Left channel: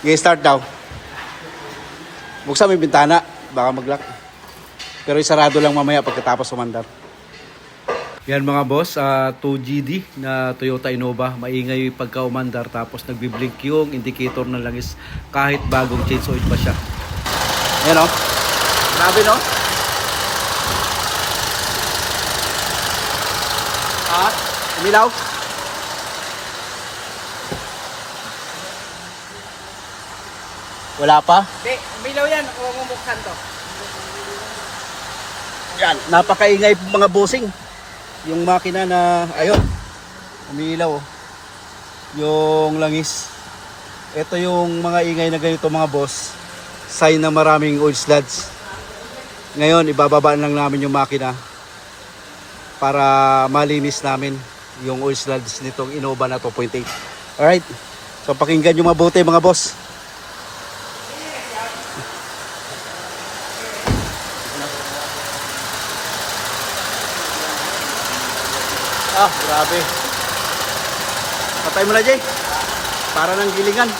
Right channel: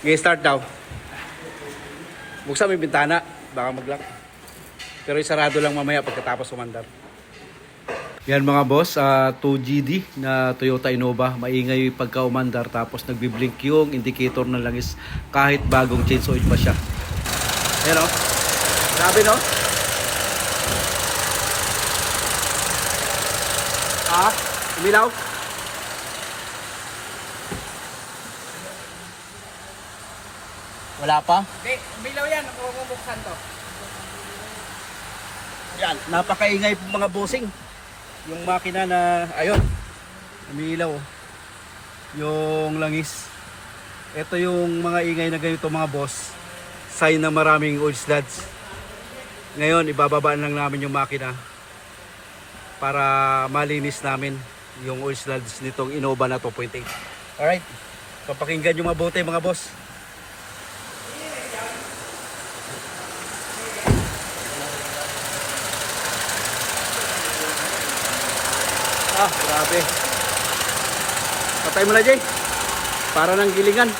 Okay, start daw. Buksan mo yung bintana. Baka mag-lock. Pero isarado lang mamaya pagkatapos umandar. Yan mga boss, 2GD na Toyota Innova. Maingay pagka umandar tapos nagbiblink yung indicator ng langis kahit bagong change oil pa siya. Yan o. Grabe no? Umilaw? Wala pa? Hindi, umilaw yan. Ako mamumuksan to. Yan, napakaingay mga bossing. Yung makina na, ayun, umiilaw. Yung langis. Ito yung mga ingay na ganito mga boss. Sign na maraming oil sludge. Ngayon, ibababaan lang namin yung makina para malinis namin yung oil sludge nitong Innova na 2.8. Alright, so pakinggan nyo mabuti mga boss. Grabe. Patay mo na, Jay. Para ng gilingan.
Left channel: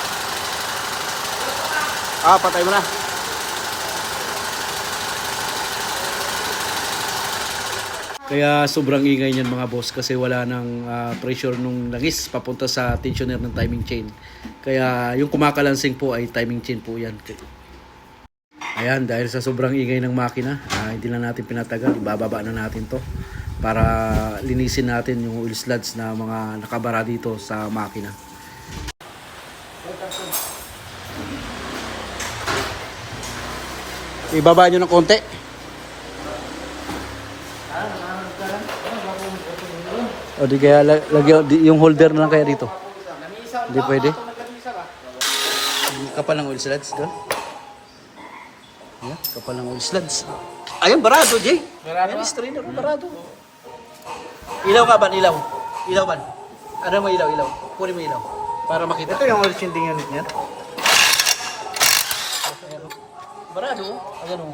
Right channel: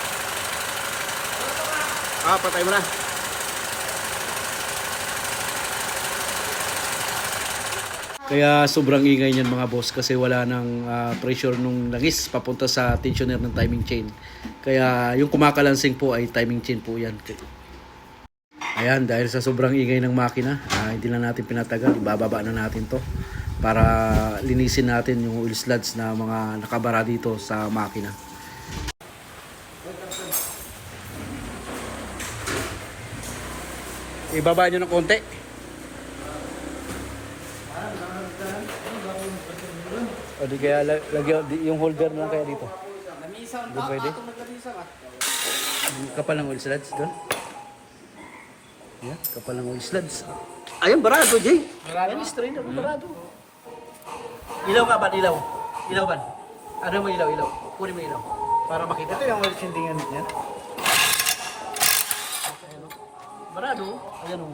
Patay mo na. Kaya sobrang ingay niyan mga boss kasi wala nang pressure nung langis papunta sa tensioner ng timing chain. Kaya yung kumakalansing po ay timing chain po yan. Ayan, dahil sa sobrang ingay ng makina, hindi na natin pinatagal. Ibababa na natin to para linisin natin yung oil sludge na mga nakabara dito sa makina. Ibaba nyo ng konti. O di kaya lagyan yung holder na lang kaya dito. Hindi pwede. Kapal ng oil sludge doon. Yeah, kapal ng oil sludge. Ayun, barado, Jay. Ayan, strainer, barado. Ilaw ka ba? Ilaw. Ilaw ba? Ano mo ilaw? Ilaw. Kunin mo ilaw. Para makita. Ito yung oil changing unit niya. Barado. Ayan o.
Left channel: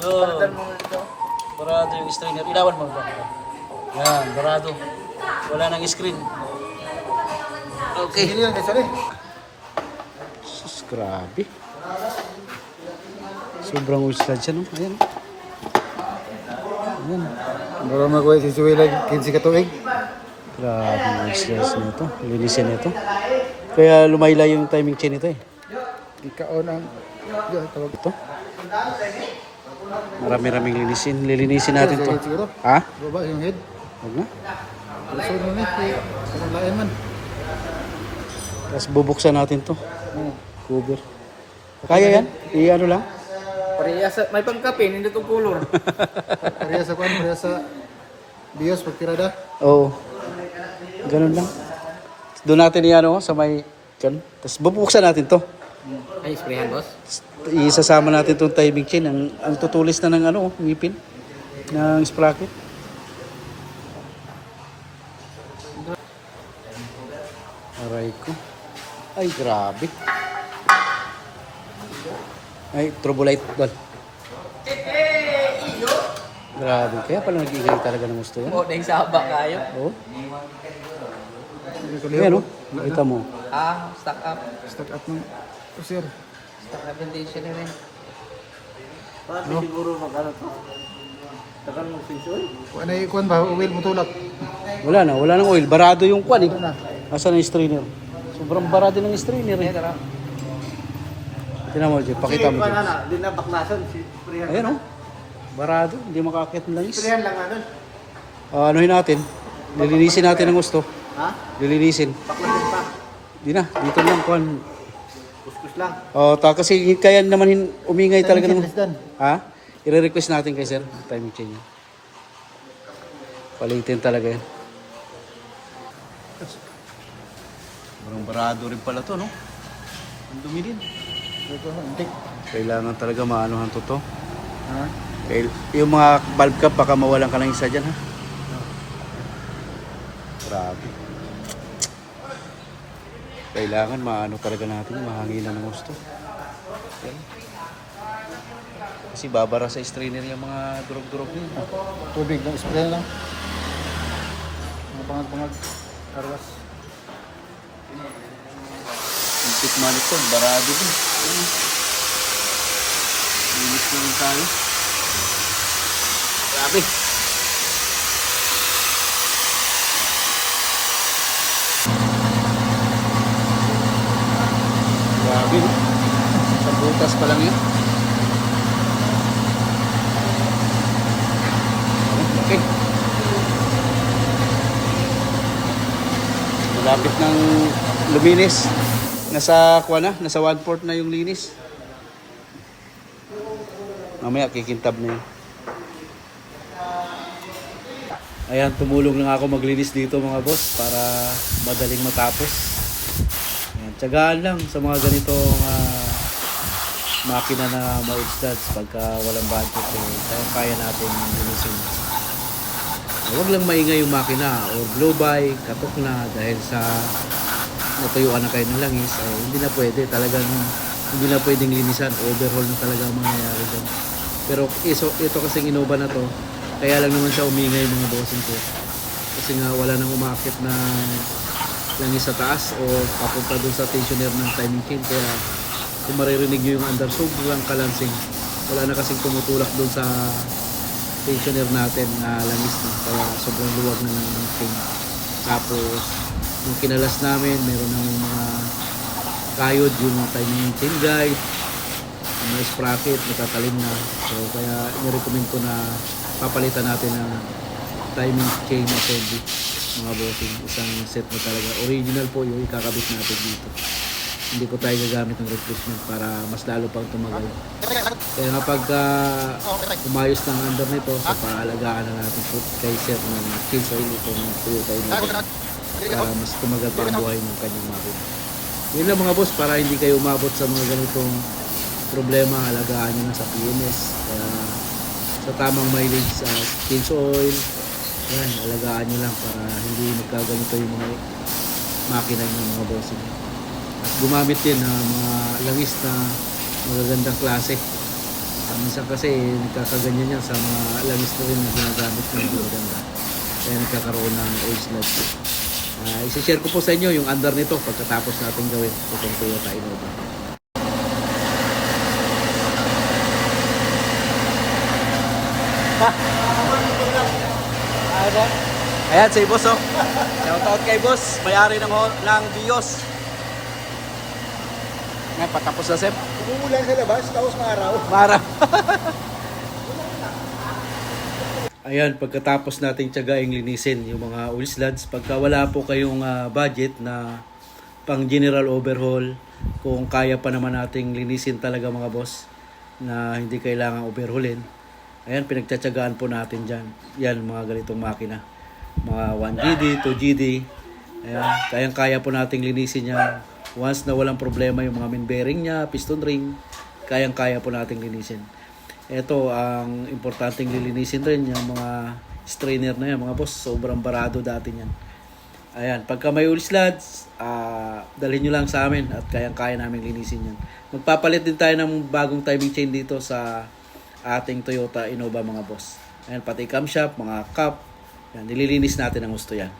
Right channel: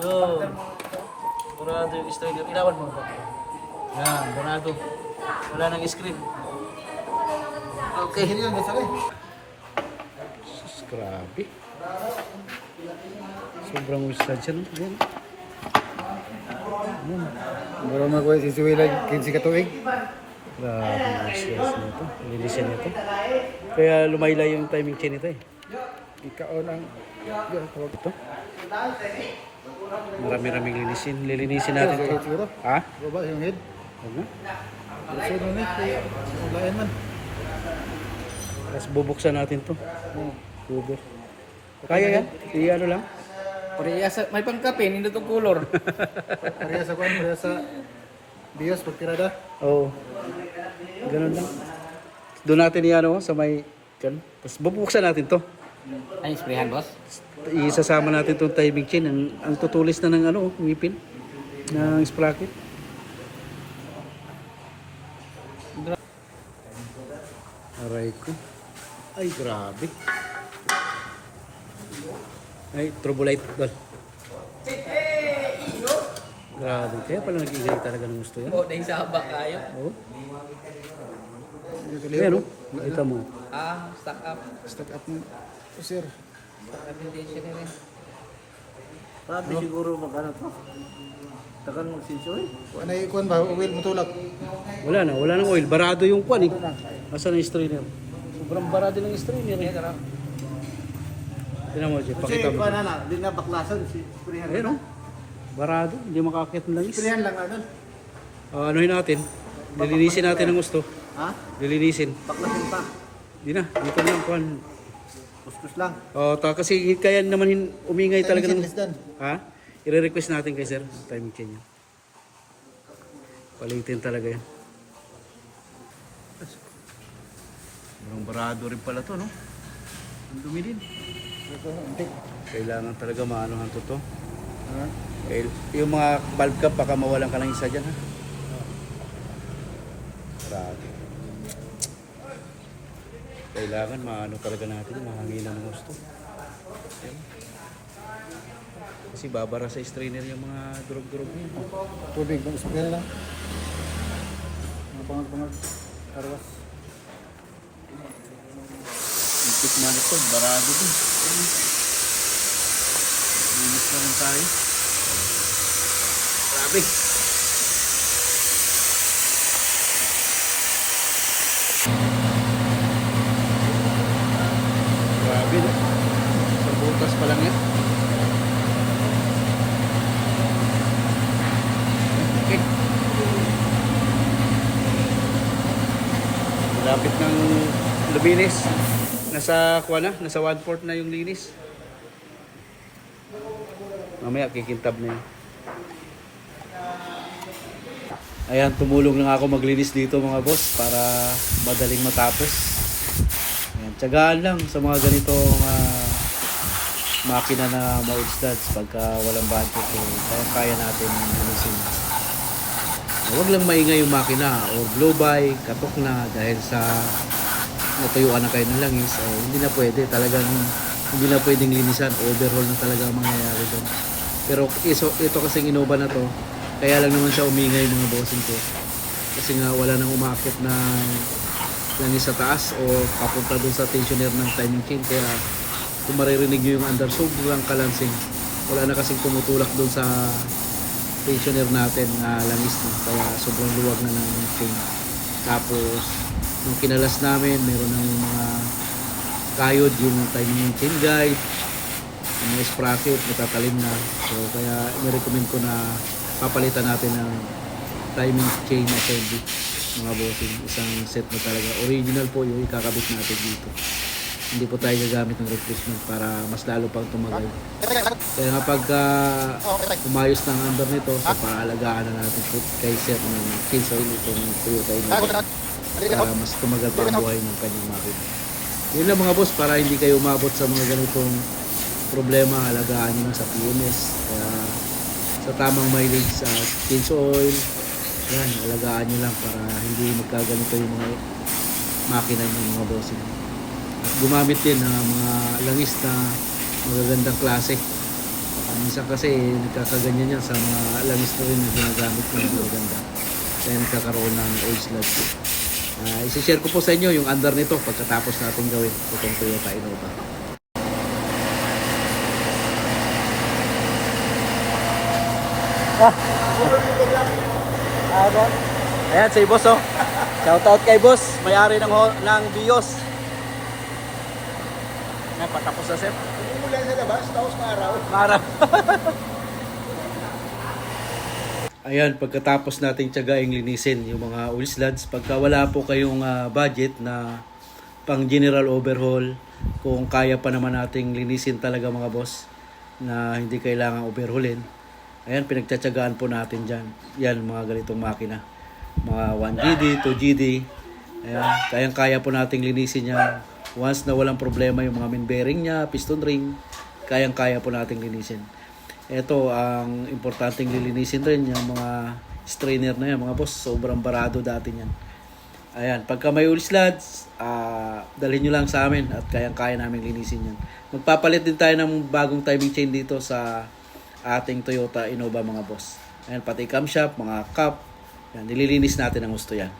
Yun. Barado yung strainer. Ilawan mo. Yan, barado. Wala nang screen. Okay. Sus, grabe. Sobrang ulstad siya, no? Ayan. Ayan. Baka makuha si Suwila 15 katuig. Grabe yung ulstad nito. Linisin nito. Kaya lumaylay yung timing chain nito eh. Ikaon ang... Ito. Marami-raming linisin. Lilinisin natin to. Ha? Baba yung head. Huwag na. Gusto mo na. Lain man. Tapos bubuksan natin to. Cover. Kaya yan? I-ano lang? Pareha sa... May pangkape, hindi itong color. Pareha sa kwan, pareha sa... Bios, pagkirada. Oo. Ganun lang. Doon natin i-ano sa may... Diyan. Tapos bubuksan natin to. Ay, sprayan, boss? Isasama natin itong timing chain. Ang tutulis na ng ano, ngipin. Ng sprocket. Aray ko. Ay, grabe. Ay, turbulite. Dol. Grabe. Kaya pala nag-igay talaga ng gusto yan. Oo, dahil sa haba kayo. Oo. Ayan o. Nakita mo. Stock up. Stock up ng sir. Stock up ng tension na rin. Paano siguro mag-ano to? Tagal mag-sensor? Ano yung kwan ba? Oil mo tulak. Wala na. Wala nang oil. Barado yung kwan eh. Asan ang strainer? Sobrang barado ng strainer eh. Tignan mo dyan. Pakita mo dyan. Hindi na baklasan. Ayan o. Barado. Hindi makakit ng langis. Sprihan lang ano? Anuhin natin. Lilinisin natin ang gusto. Ha? Lilinisin. Baklasan pa. Di na. Dito lang kwan. Kuskus lang. Kasi kaya naman umingay talaga ng... Dan. Ha? I-request natin kay sir. Timing chain niya. Palitin talaga yan. Parang barado rin pala to, no? Ang dumi din. Kailangan talaga maanohan to. Ha? Yung mga valve cap, baka mawalan ka ng isa dyan, ha? Grabe. Kailangan maano talaga natin, mahanginan ng gusto. Yan. Kasi babara sa strainer yung mga durog-durog niya. Tubig. Sprihan lang. Pangag-pangag. Karwas. stick manifold, barado din. Ayan. Linis na rin tayo. Grabe. Grabe, no? Sa butas pa lang yan. Okay. Malapit ng luminis. Nasa 1/4 na yung linis. Mamaya kikintab na yun. Ayan, tumulong lang ako maglinis dito mga boss para madaling matapos. Ayan, tiyagaan lang sa mga ganitong makina na ma-instads pagka walang budget kaya natin linisin. Huwag lang maingay yung makina o blow by, katok na dahil sa natuyuan na kayo ng langis, hindi na pwede. Talagang hindi na pwedeng linisan. Overhaul na talaga ang mangyayari doon. Pero ito kasing Innova na to, kaya lang naman siya umingay mga bossing ko. Kasi nga wala nang umakit na langis sa taas o papunta doon sa tensioner ng timing chain. Kaya kung maririnig nyo yung under, sobrang kalansing. Wala na kasing tumutulak doon sa tensioner natin na langis na. Kaya sobrang luwag na ng chain. Tapos nung kinalas namin, meron ng mga kayod, yung timing chain guide, yung mga sprocket, natatalim na. So kaya nirecommend ko na papalitan natin ng timing chain assembly mga bossing. Isang set na talaga. Original po yung ikakabit natin dito. Hindi po tayo gagamit ng replacement para mas lalo pang tumagal. Kaya nga pag umayos ng under nito, so paalagaan na natin kay Sir ng change oil itong Toyota Innova para mas tumagal pa ang buhay ng kanyang makina. Yun lang mga boss, para hindi kayo umabot sa mga ganitong problema, alagaan nyo na sa PMS. Kaya sa tamang mileage sa change oil, yan, alagaan nyo lang para hindi magkaganito yung mga makina nyo mga bossing. At gumamit din ng mga langis na magagandang klase. Minsan kasi nagkakaganyan yan sa mga langis na rin na ginagamit ng magaganda. Kaya nagkakaroon ng oil sludge. Isi-share ko po sa inyo yung under nito pagkatapos natin gawin itong Toyota Innova. Ayan si boss oh. Shoutout kay boss, may-ari ng Bios. Nga patapos na Sep. Hindi yan sa labas, tapos maaraw. Marap. Ayan, pagkatapos nating tiyagaing linisin yung mga oil slugs, pagka wala po kayong budget na pang general overhaul, kung kaya pa naman nating linisin talaga mga boss, na hindi kailangan overhaulin, ayan, pinagtsatsagaan po natin dyan. Yan, mga ganitong makina. Mga 1GD, 2GD, ayan, kayang-kaya po nating linisin yan. Once na walang problema yung mga main bearing niya, piston ring, kayang-kaya po nating linisin. Ito, ang importanteng lilinisin rin yung mga strainer na yan, mga boss. Sobrang barado dati yan. Ayan, pagka may oil slugs, dalhin nyo lang sa amin at kayang-kaya namin linisin yan. Magpapalit din tayo ng bagong timing chain dito sa ating Toyota Innova mga boss. Ayan, pati camshaft, mga cup. Ayan, nililinis natin ang gusto yan.